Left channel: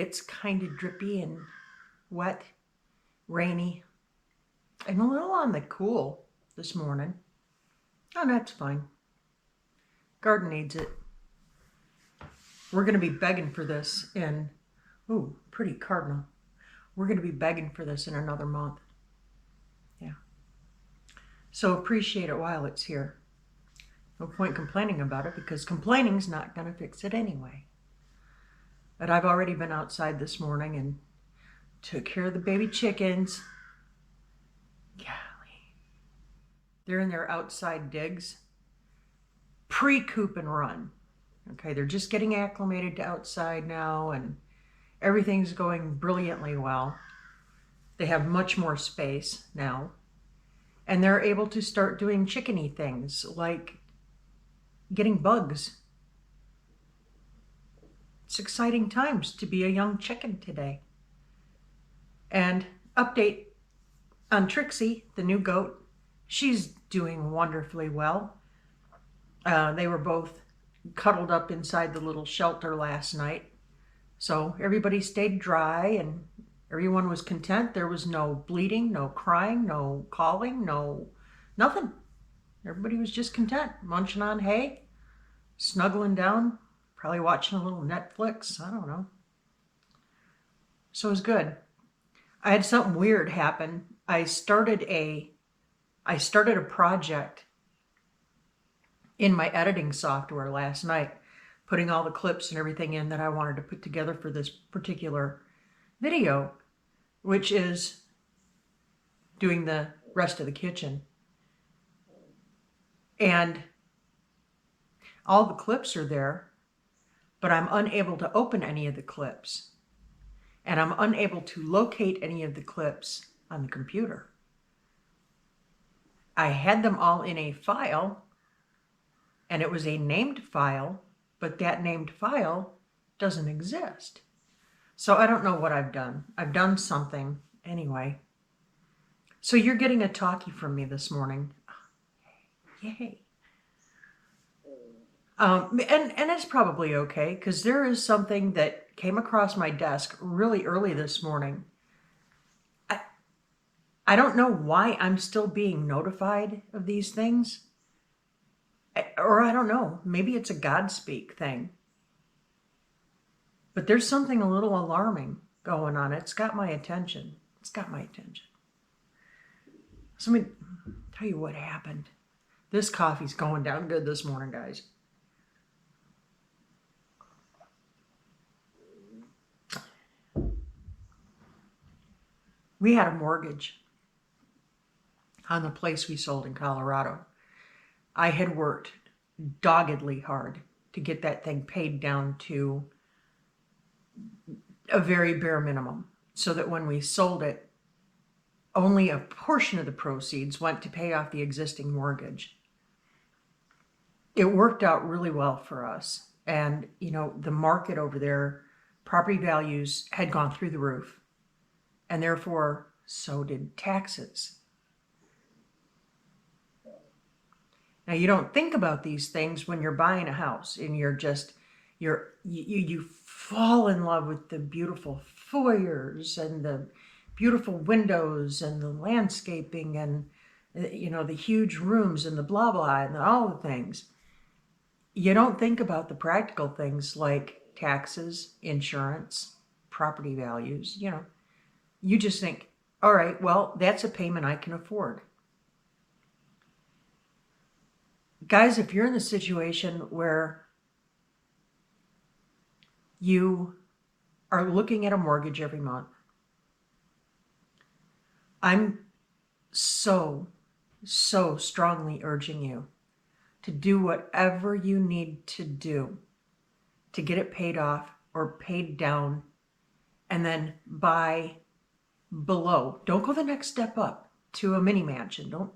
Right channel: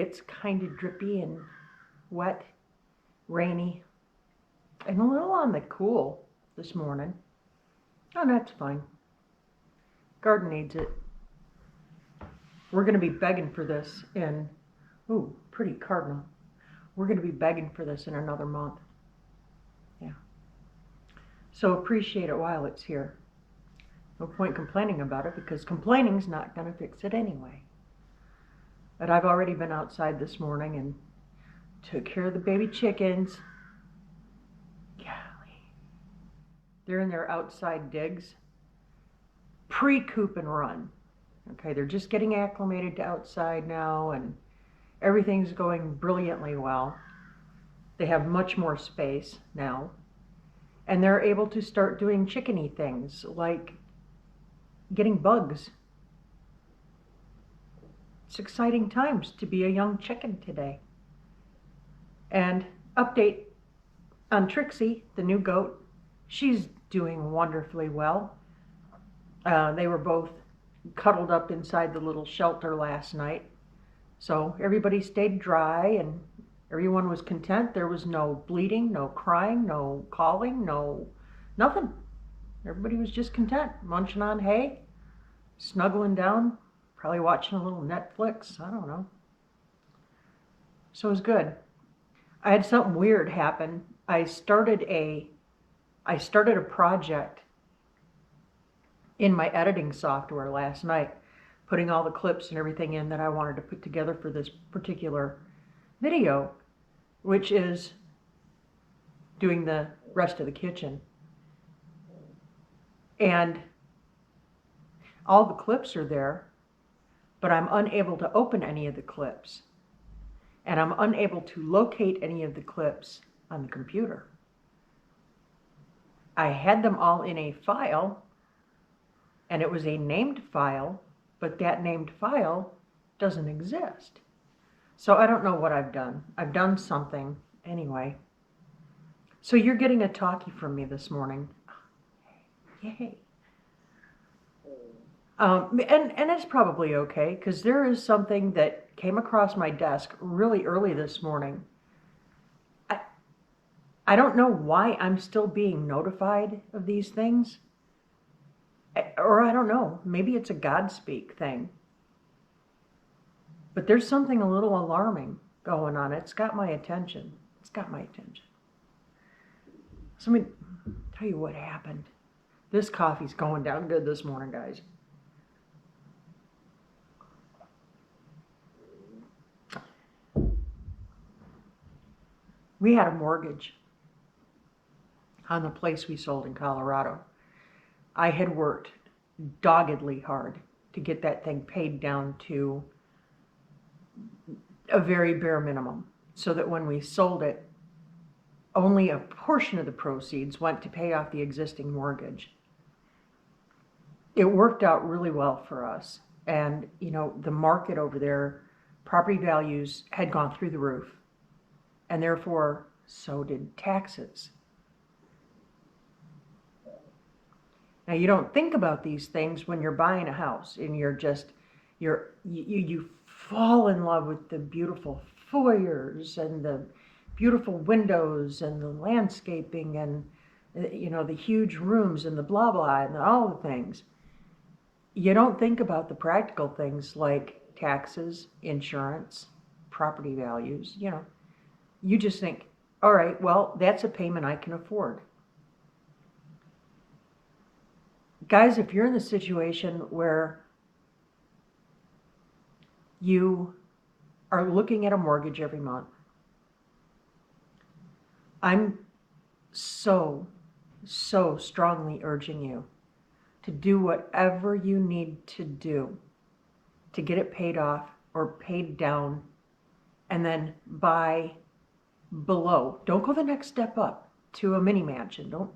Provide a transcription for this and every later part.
It's kind of drippy and wet, rainy, and a little on the cool this morning. Oh, that's fine. Garden needs it. We're going to be begging for this in, ooh, pretty cardinal. We're going to be begging for this in another month. Yeah. So appreciate it while it's here. No point complaining about it because complaining's not going to fix it anyway. But I've already been outside this morning and took care of the baby chickens. Golly. They're in their outside digs. Pre-coop and run. Okay, they're just getting acclimated to outside now and everything's going brilliantly well. They have much more space now. And they're able to start doing chickeny things like getting bugs. It's exciting times to be a young chicken today. And update on Trixie, the new goat. She's doing wonderfully well. They were both cuddled up inside the little shelter last night. So everybody stayed dry and everyone was content. There was no bleeding, no crying, no calling, nothing. Everybody was just content, munching on hay, snuggling down, probably watching a little Netflix. I don't know. So it was good. I had something weird happen. I started a project in my editing software last night, putting all the clips and everything in that I wanted to put together for this particular video, which is doing the rest of the kitchen. And all the clips are there, but I'm unable to open any of the clips. And I'm unable to locate any of the clips on the computer. I had them all in a file, and it was a named file, but that named file doesn't exist. So I don't know what I've done. I've done something anyway. So you're getting a talkie from me this morning. Yay. And it's probably okay, because there is something that came across my desk really early this morning. I don't know why I'm still being notified of these things. Or I don't know, maybe it's a Godspeak thing. But there's something a little alarming going on. It's got my attention. It's got my attention. So let me tell you what happened. This coffee's going down good this morning, guys. We had a mortgage on the place we sold in Colorado. I had worked doggedly hard to get that thing paid down to a very bare minimum, so that when we sold it, only a portion of the proceeds went to pay off the existing mortgage. It worked out really well for us. And, you know, the market over there, property values had gone through the roof. And therefore, so did taxes. Now, you don't think about these things when you're buying a house and you fall in love with the beautiful foyers and the beautiful windows and the landscaping and, you know, the huge rooms and the blah, blah, and all the things. You don't think about the practical things like taxes, insurance, property values, you know. You just think, all right, well, that's a payment I can afford. Guys, if you're in the situation where you are looking at a mortgage every month, I'm so strongly urging you to do whatever you need to do to get it paid off or paid down, and then buy below. Don't go the next step up to a mini mansion. Don't.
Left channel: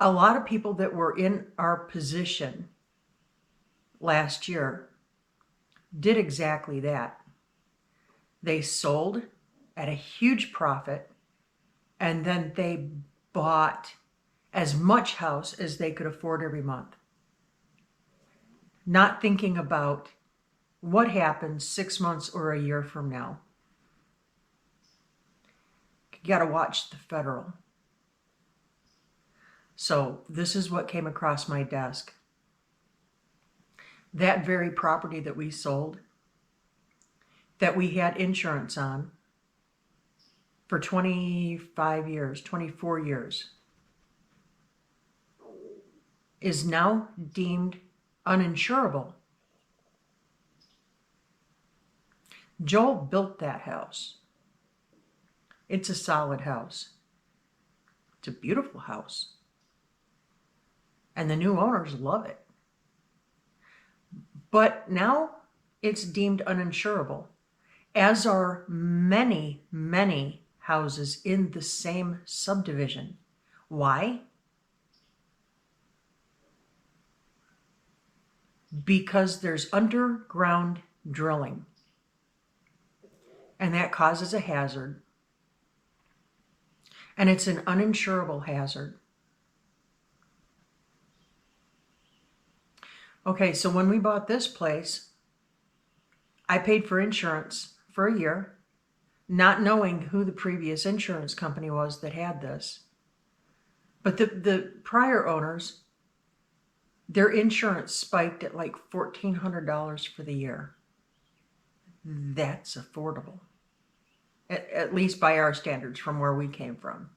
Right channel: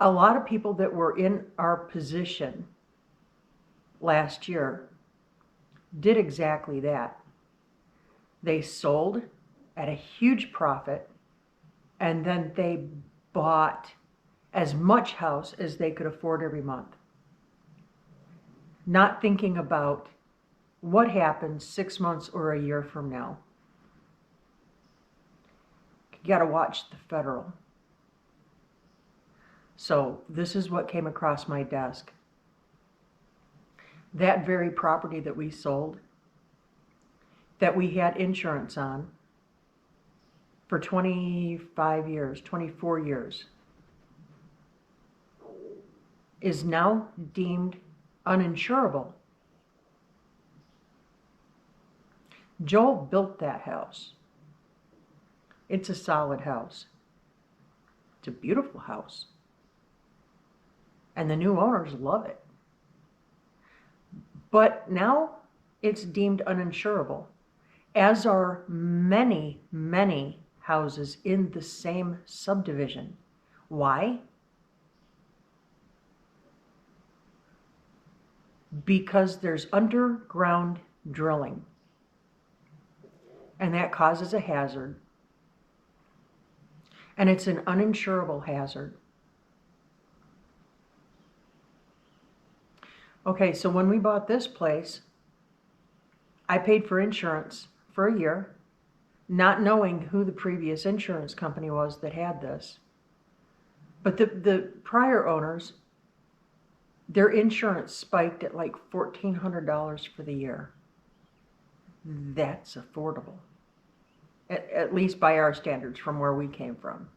A lot of people that were in our position last year did exactly that. They sold at a huge profit, and then they bought as much house as they could afford every month, not thinking about what happens 6 months or a year from now? You got to watch the federal. So this is what came across my desk. That very property that we sold, that we had insurance on for 25 years, 24 years, is now deemed uninsurable. Joel built that house. It's a solid house. It's a beautiful house. And the new owners love it. But now it's deemed uninsurable, as are many, many houses in the same subdivision. Why? Because there's underground drilling, and that causes a hazard, and it's an uninsurable hazard. Okay, so when we bought this place, I paid for insurance for a year, not knowing who the previous insurance company was that had this. But the prior owners, their insurance spiked at like $1,400 for the year. That's affordable, at least by our standards from where we came from.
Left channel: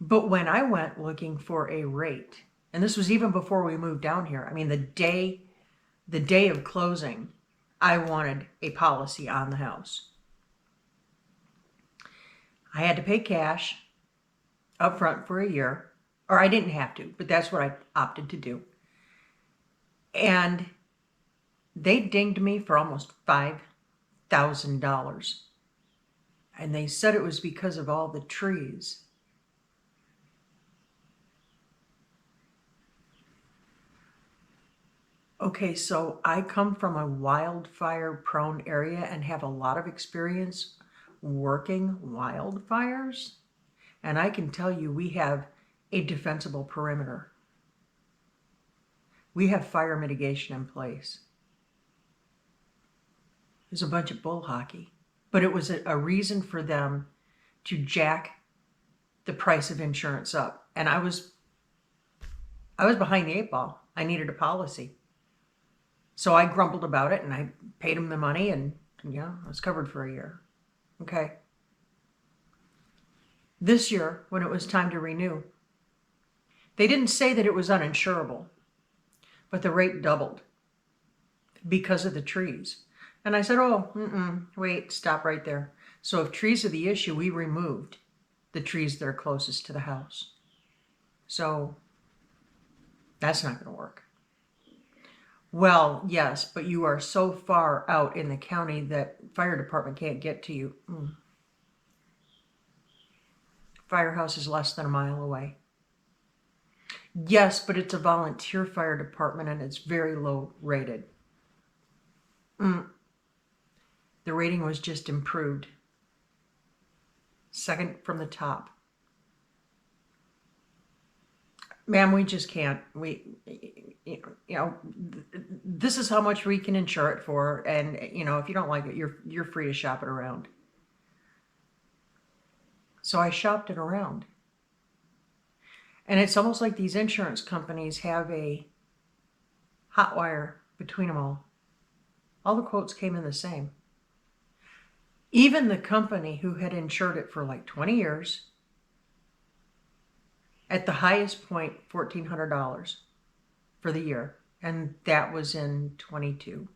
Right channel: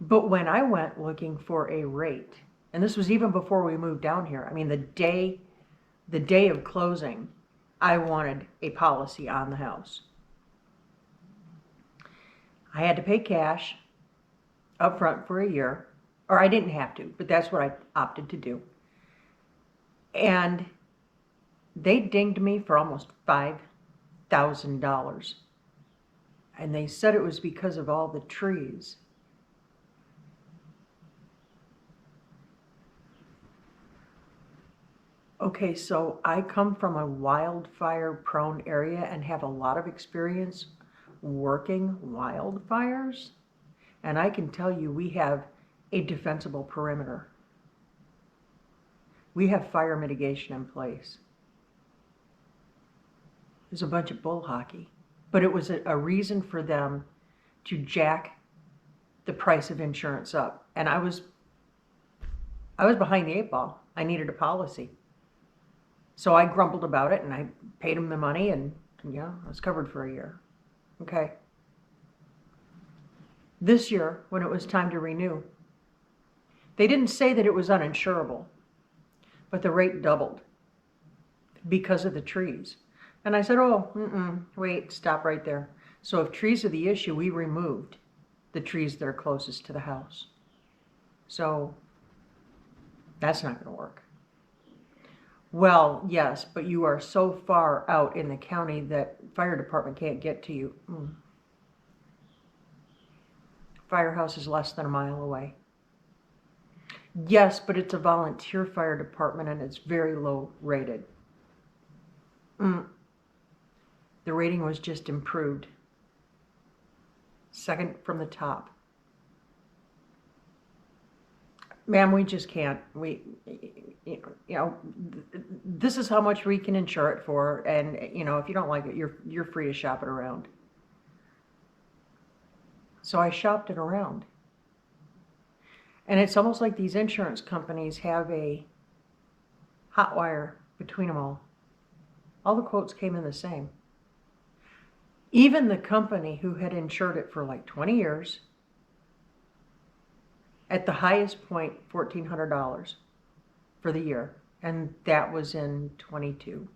But when I went looking for a rate, and this was even before we moved down here, I mean, the day of closing, I wanted a policy on the house. I had to pay cash up front for a year, or I didn't have to, but that's what I opted to do. And they dinged me for almost $5,000. And they said it was because of all the trees. Okay, so I come from a wildfire-prone area and have a lot of experience working wildfires. And I can tell you we have a defensible perimeter. We have fire mitigation in place. There's a bunch of bull hockey. But it was a reason for them to jack the price of insurance up. And I was behind the 8 ball. I needed a policy. So I grumbled about it, and I paid them the money, and yeah, I was covered for a year. Okay. This year, when it was time to renew, they didn't say that it was uninsurable, but the rate doubled because of the trees. And I said, wait, stop right there. So if trees are the issue, we removed the trees that are closest to the house. So that's not going to work. Well, yes, but you are so far out in the county that fire department can't get to you. Firehouse is less than a mile away. Yes, but it's a volunteer fire department and it's very low rated. The rating was just improved. Second from the top. Ma'am, we just can't. This is how much we can insure it for, and if you don't like it, you're free to shop it around. So I shopped it around, and it's almost like these insurance companies have a hot wire between them all. All the quotes came in the same. Even the company who had insured it for like 20 years. At the highest point, $1,400 for the year. And that was in 22.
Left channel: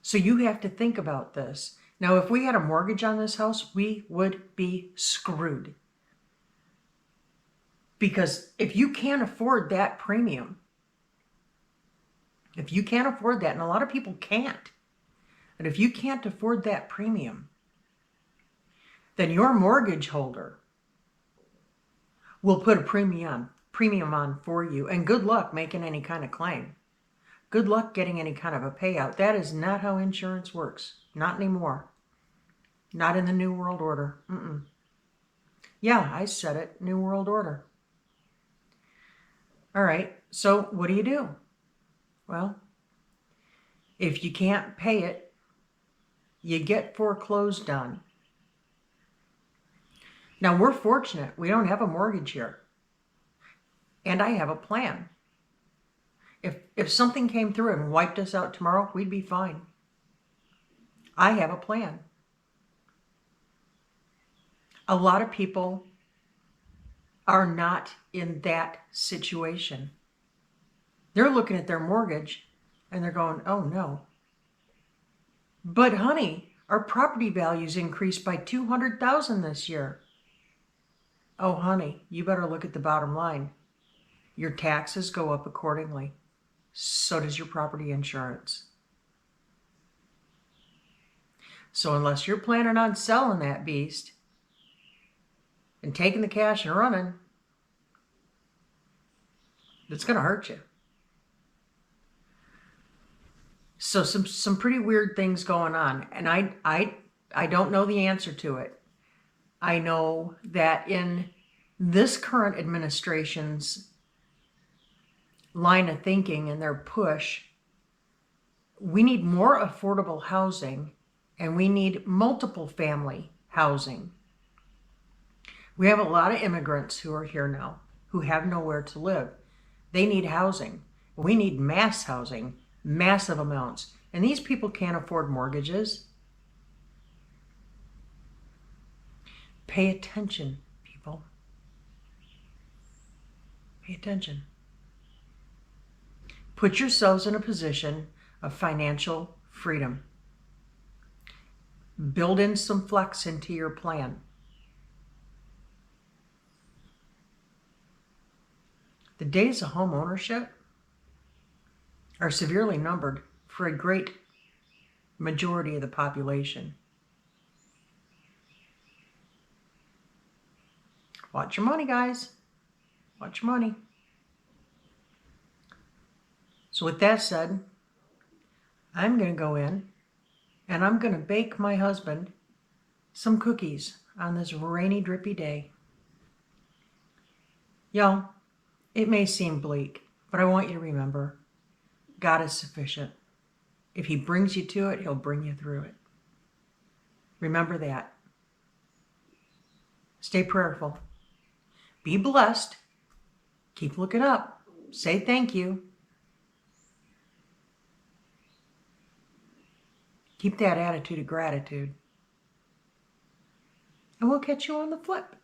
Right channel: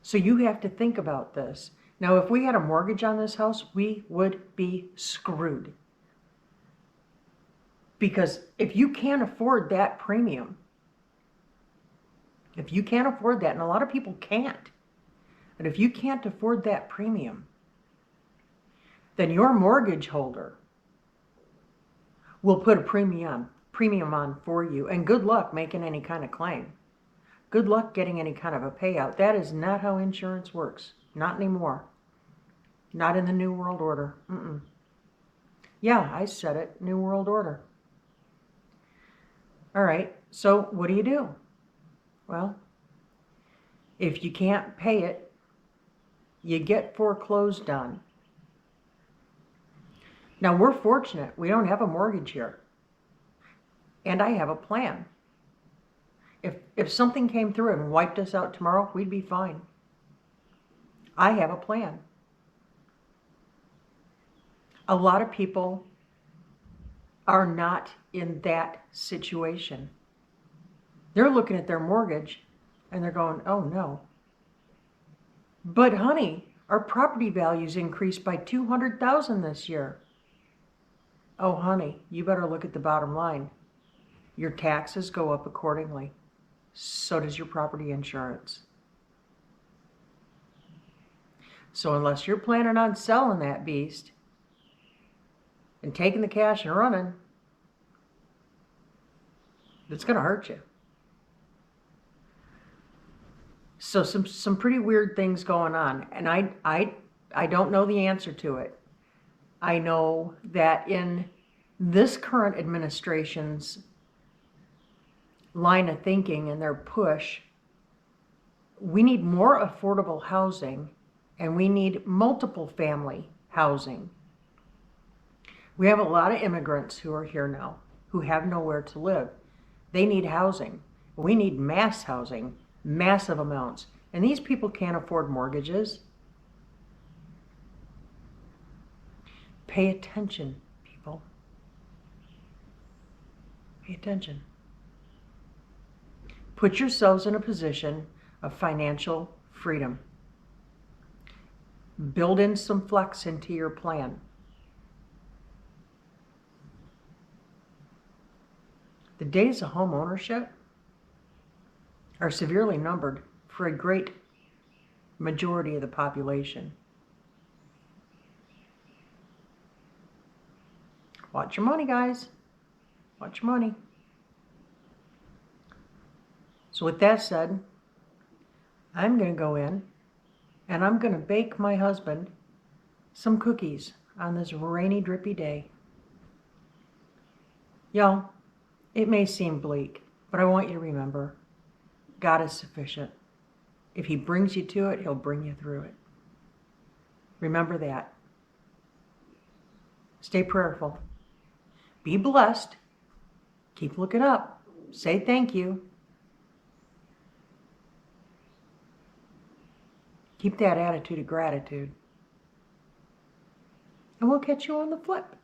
So you have to think about this. Now, if we had a mortgage on this house, we would be screwed. Because if you can't afford that premium, if you can't afford that, and a lot of people can't, but if you can't afford that premium, then your mortgage holder will put a premium on for you. And good luck making any kind of claim. Good luck getting any kind of a payout. That is not how insurance works. Not anymore. Not in the New World Order. Yeah, I said it. New World Order. All right, so what do you do? Well, if you can't pay it, you get foreclosed on. Now, we're fortunate. We don't have a mortgage here. And I have a plan. If something came through and wiped us out tomorrow, we'd be fine. I have a plan. A lot of people are not in that situation. They're looking at their mortgage and they're going, oh no. But honey, our property values increased by $200,000 this year. Oh honey, you better look at the bottom line. Your taxes go up accordingly. So does your property insurance. So unless you're planning on selling that beast and taking the cash and running, it's going to hurt you. So some pretty weird things going on, and I don't know the answer to it. I know that in this current administration's line of thinking and their push, we need more affordable housing and we need multiple family housing. We have a lot of immigrants who are here now who have nowhere to live. They need housing. We need mass housing, massive amounts. And these people can't afford mortgages. Pay attention, people. Pay attention. Put yourselves in a position of financial freedom. Build in some flex into your plan. The days of home ownership are severely numbered for a great majority of the population. Watch your money, guys. Watch your money. So with that said, I'm going to go in and I'm going to bake my husband some cookies on this rainy, drippy day. Y'all, it may seem bleak, but I want you to remember, God is sufficient. If he brings you to it, he'll bring you through it. Remember that. Stay prayerful. Be blessed. Keep looking up. Say thank you. Keep that attitude of gratitude. And we'll catch you on the flip.